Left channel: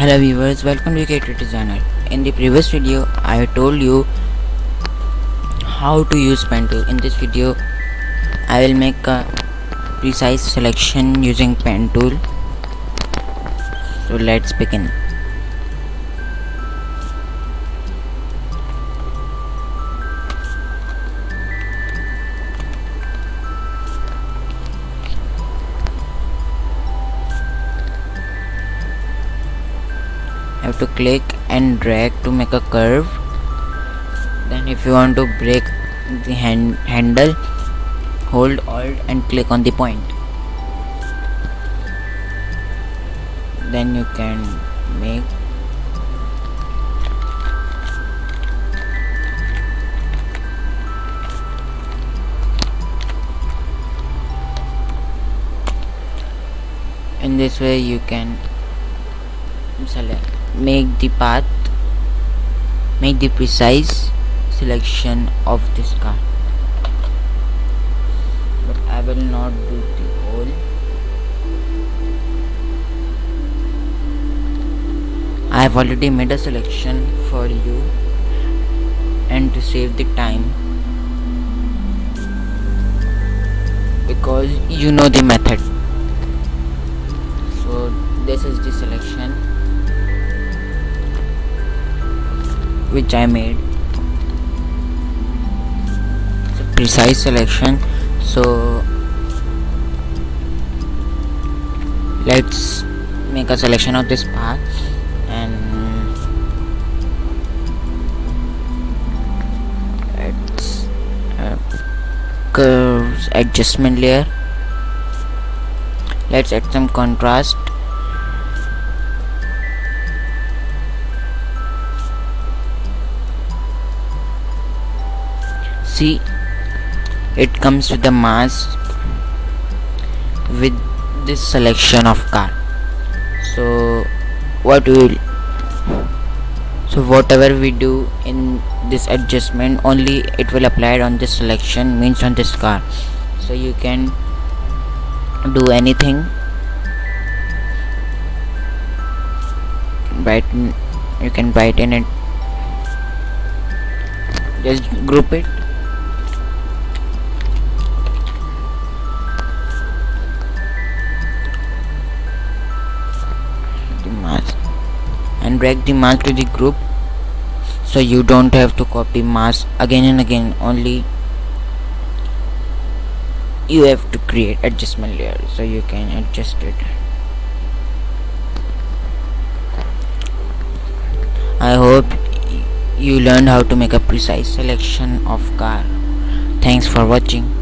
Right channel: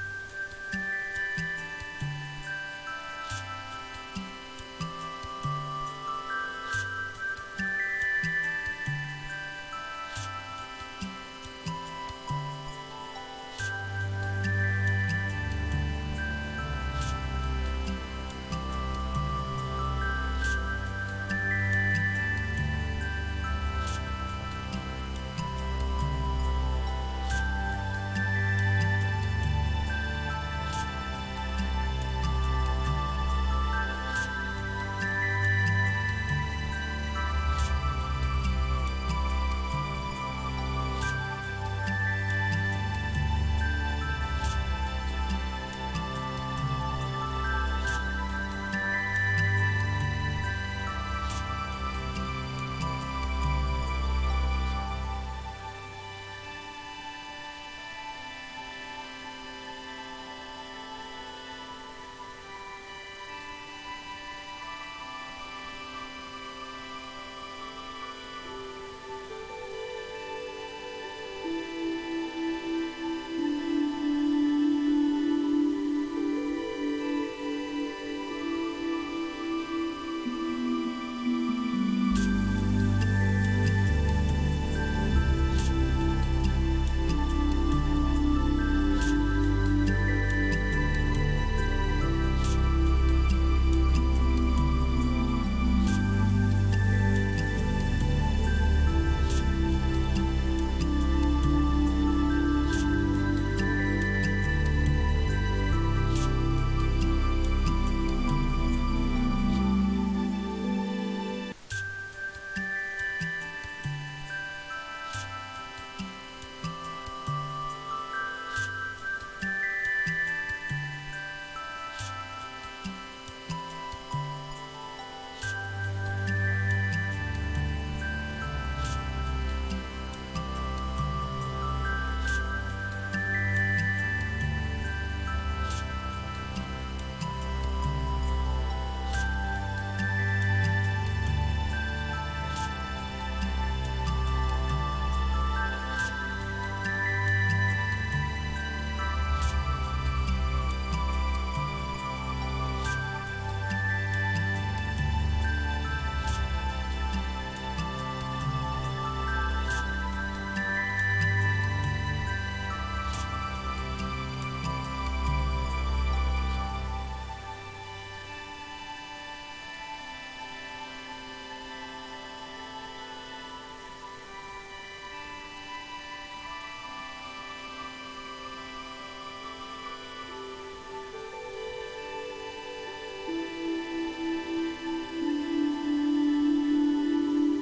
Hello viewers, welcome to Creative Designer. In the previous video, I told you how to use pen tool. In this video, I will make a precise selection using pen tool. So let's begin. You have to click and drag to make a curve. Then if you want to break the handle, hold Alt and click on the point. Then you can make in this way you can make the path, make the precise selection of this car, but I will not do the whole. I have already made a selection for you and to save the time, because you know the method. So this is the selection which I made. It's a precise selection. So let's make a selection of this path and let's curves adjustment layer. Let's add some contrast. See, it comes with the mask with this selection of car. So whatever we do in this adjustment, only it will apply on this selection, means on this car. So you can do anything, you can brighten it, just group it. And drag the mask to the group, so you don't have to copy mask again and again. Only you have to create adjustment layer, so you can adjust it. I hope you learned how to make a precise selection of car. Thanks for watching.